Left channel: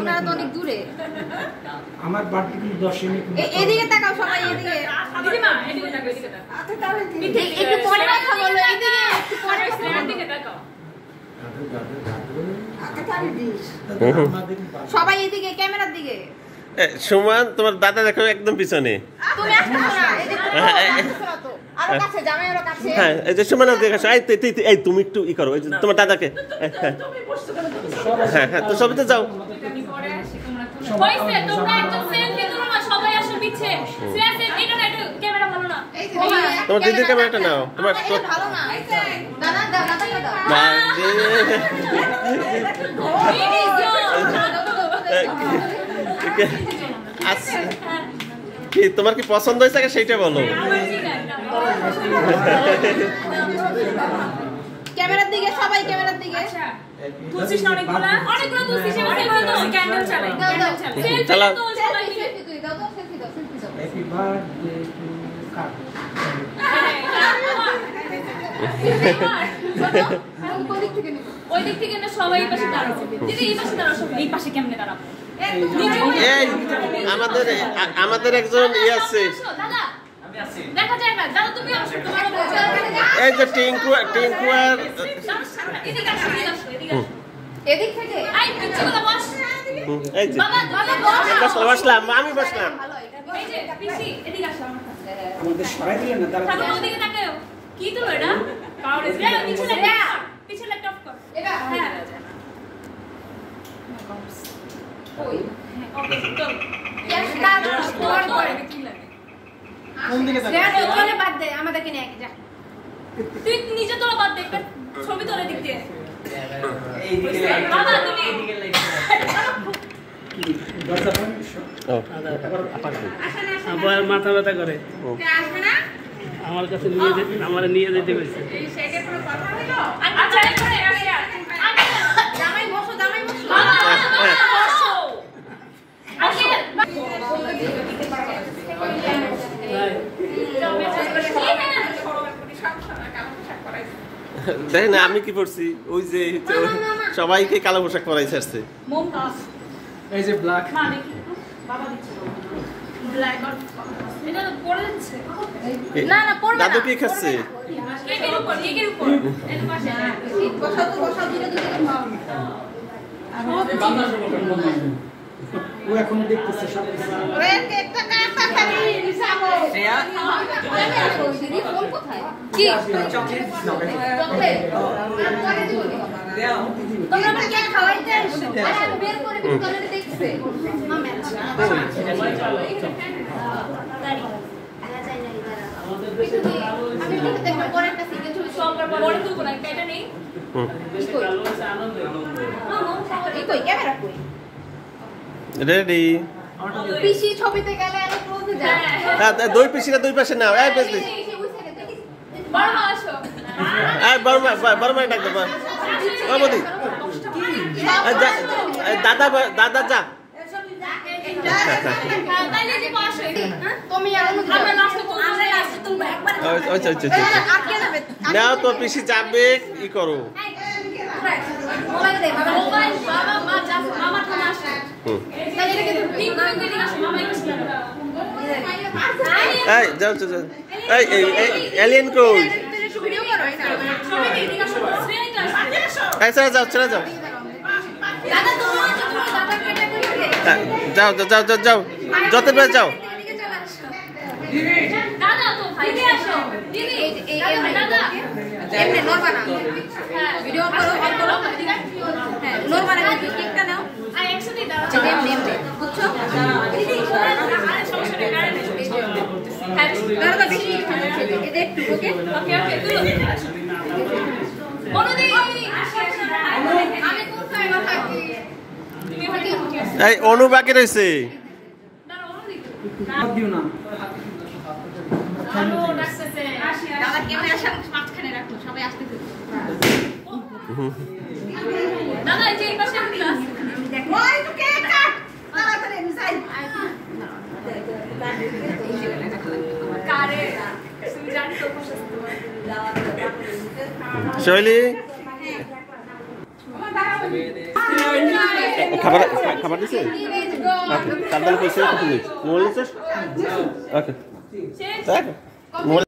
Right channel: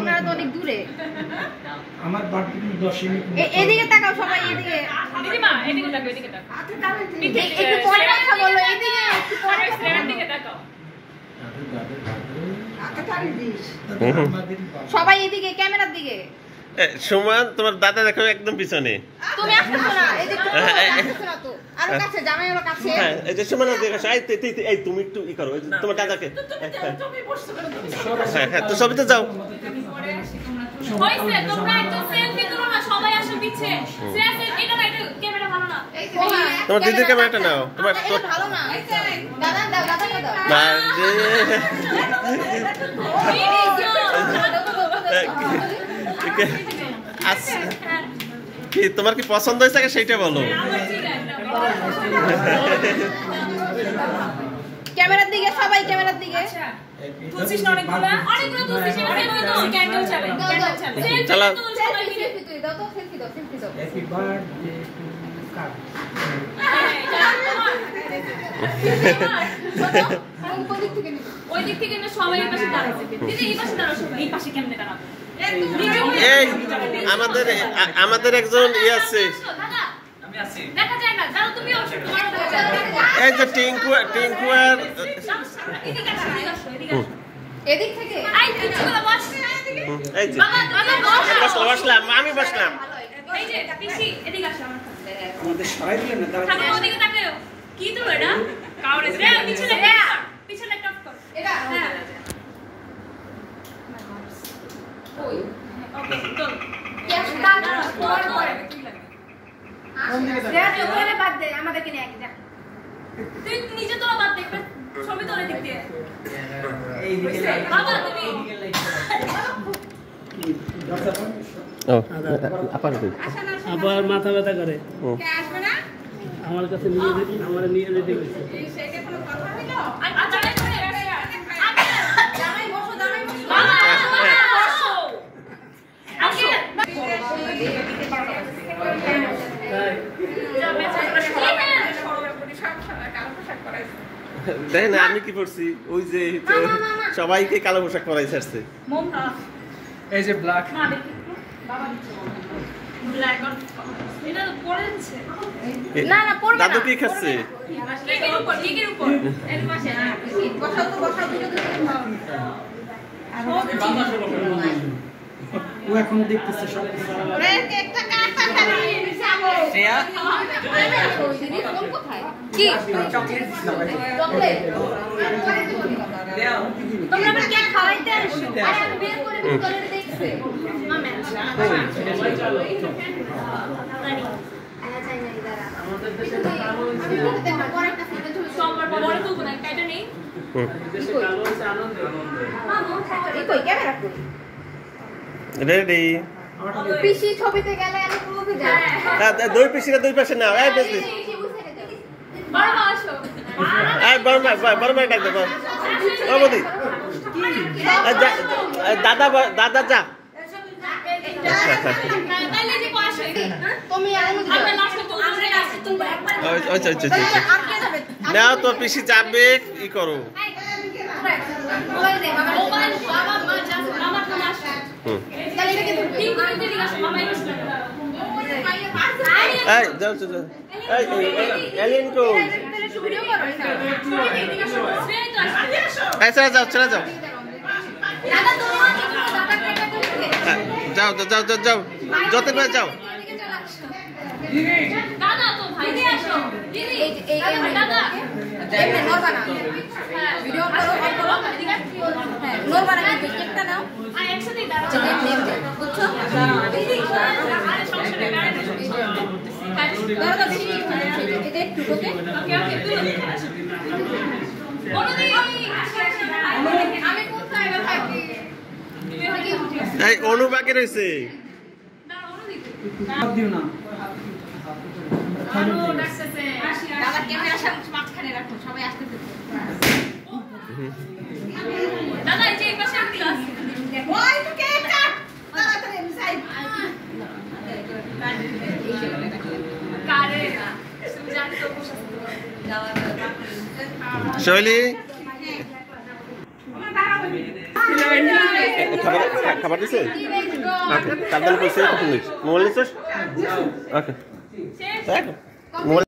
ওনারা তো অনেক দূরে। আমার বাড়ি থেকে 10 মিনিট। এদিকে তাকাও সবাই, এদিকে। দিদিমা এদিকে তাকাও, এদিকে তাকাও। একটু পরে কথা বলো, এদিকে একটু পরে স্ট্যান্ড দিকে তাকাও। সবাই এদিকে, ক্যামেরার দিকে। সুমন তোমার দাদা দেখো একদম পিছনে। তুমি আসছো না, এদিকে আসছো তো। আর কাছে জামাইয়ের কাছে। হ্যাঁ, এই যে সুমন দেখো, এই তুমি একটু ই করো, এই যে তোমার দাদাকে। তুমি বসছো কেন? হ্যাঁ হ্যাঁ, তো সবই তো যাও। হইছে, তোমরা একটা সেলফি তুলো না, সবাই আসো পিছে। সেলফি এটা একটু ক্যামেরা ভালো না। তোমার দিদির ক্যামেরাটা নাও। তোমার তো ভালো না। দাদা দাও, দাদা দাও। না কি তোমার কি পছন্দ হয়েছে সেইটা বলো। ক্যামেরার দিকে সবাই, ক্যামেরার দিকে। তুলছিস না অনেকগুলা? অনেকগুলা তুলছিস, এবার তো ক্যান্ডেল চালাই। চালাও। সেলফি তুই দাও তো, সেলফি দাও, সেলফি দাও। হ্যাপি বার্থডে টু কার। ওই দিক থেকে না, সবাই এই পাশে দাঁড়াও। দিদি এই পাশে দাঁড়াও, এই পাশে কেমনে দাঁড়াও? এই আমাদের একজন আছে, আমি আছি, দেখা যায় না। দাঁড়াও তুমি, অবশ্য তোমার এই যে টিঙ্কু আর এদিকে আসো, এদিকে আসো, এদিকে আসো। এদিক থেকে এই পিছু করে বস। এই যে বসলাম, আমি বসলাম। এই যে পিছি, এদিকে আসো আমার কাছে। আমাদের সবাই দিলে না তারা। তাহলে ওদিকে তাকাও। কি তো এটা? কাউরে রে পিছনে পিছনে একটা অফ কর। এটা হ্যাঁ। ওই ওকে তো কেন দাঁড়া তোর করে কি লাগে? আসলে ওখানে বাদ দে, আমাদেরকে নিয়ে যা। তুই নিচে তোলা বাদ দে, ছবি তোলা দিক দিয়ে। এই দিকে বাবা তুমি এইদিকে লাইট দরজা বন্ধ। ও আপা কই? আবার মাথা ব্যথা করে। কে আসবে না? আমার কাছে নিয়ে যেতে, আমারে নিয়ে যেতে কইছে। এই সেটে পুরো কথা হলো। আচ্ছা করে জামাই বসো, জামাই বসো। বসো। আজকে দেখেন আমি কি করছি, ওই যে সবাইকে কালো পোশাক পরাইছে আসছে। এই যে ব্ল্যাক। না দেখি বাবা দিচ্ছে ব্ল্যাক আর এটা পরে দিচ্ছে। না না পরে দাদু কি খাচ্ছে? কেকের উপর, কেকের উপর এর পাশে বসাও তো, বসাও দুটো দুটো খাও। আর ও এখন দেখতেছে সব কিছু। ওরে কেকটা কাটটা খাবি নিচে আমার শ্রেয়া দিদি ফোন কোথায় কি চকলেট পরে দিব দাও। তোমরা আবার কেক খাওয়াইতে আসছো? আমি বের করে ভিতরে দেখছে মামা দাঁড়ি আয়া যায় না ইদারা আমি বলতে পরে একটা সিঙ্গেল ছবি সবার পরে তুলব না, এটা নেই। কই মামা এই কই ক্যামেরা কই? রেডি। পিসি ছবিতে গেলে আমি ক্লোজে যাই। দুই পিসিরা দুই পাশে নাও। এই বেশ বড় আসো। এই বড় মা ডাক দাও। ও বদি দাদা দাদা যা। তাইলে যে বসো তুমি আমরা লাস্টে তুমি একবার আটকে যাবে। নাও তো পিসি যাবে, কি করো? মোবাইল দে বাবা, মোবাইল বাবা মা যা মামা তো আসে। তাইলে এটাকে তিন করে দিলি আসো মামা আসবে। এই যাও যাও। এই এলিয়েন কই? ভিডিও করো ছবি দিকে আসো, স্ক্রিনে তো আসো। এই চলে যাও, চলে যাও। দাদা তোমার দাদা কেটে কইছে। যাও যাও যাও যাও, যত বের যাও। দাদা তো ভাই দিদি আসো। দিদি এই দাদা এমনি নরমাল না। হ্যাঁ ভিডিও করো একদম দিকে। হ্যাঁ নরমাল কেকটা নাও আর একসাথে দাঁড়াও। এমনি বুঝছো? দিদি আরে সমস্যা নেই, গাড়ি নেই। হ্যাঁ দাদা বেশি এটা একটু ওকে ওকে ওকে তুলো। বলো দিদি আমি কোথায় থাকি? এই অনু বাকি রইছে। দাঁড়াও অনু দিদি বাদ দিও না। আলো ডাকতেছে আসি দাদা ক্যামেরা সামনে মাঝখানে রাখো, সবাই আসতে দিন। দাদা এই যে এই পাশে আমি ক্লাস ওই তো কেক কাট তাড়াতাড়ি মিসাই কারে তুমি জানি তো প্রশস্ত দাওয়া শৈলী আমার দাঁড়াও খাবার খাবার দিছিস কালকে কইছিস কখন নিস মোবাইল নিছিস ওকে মোবাইল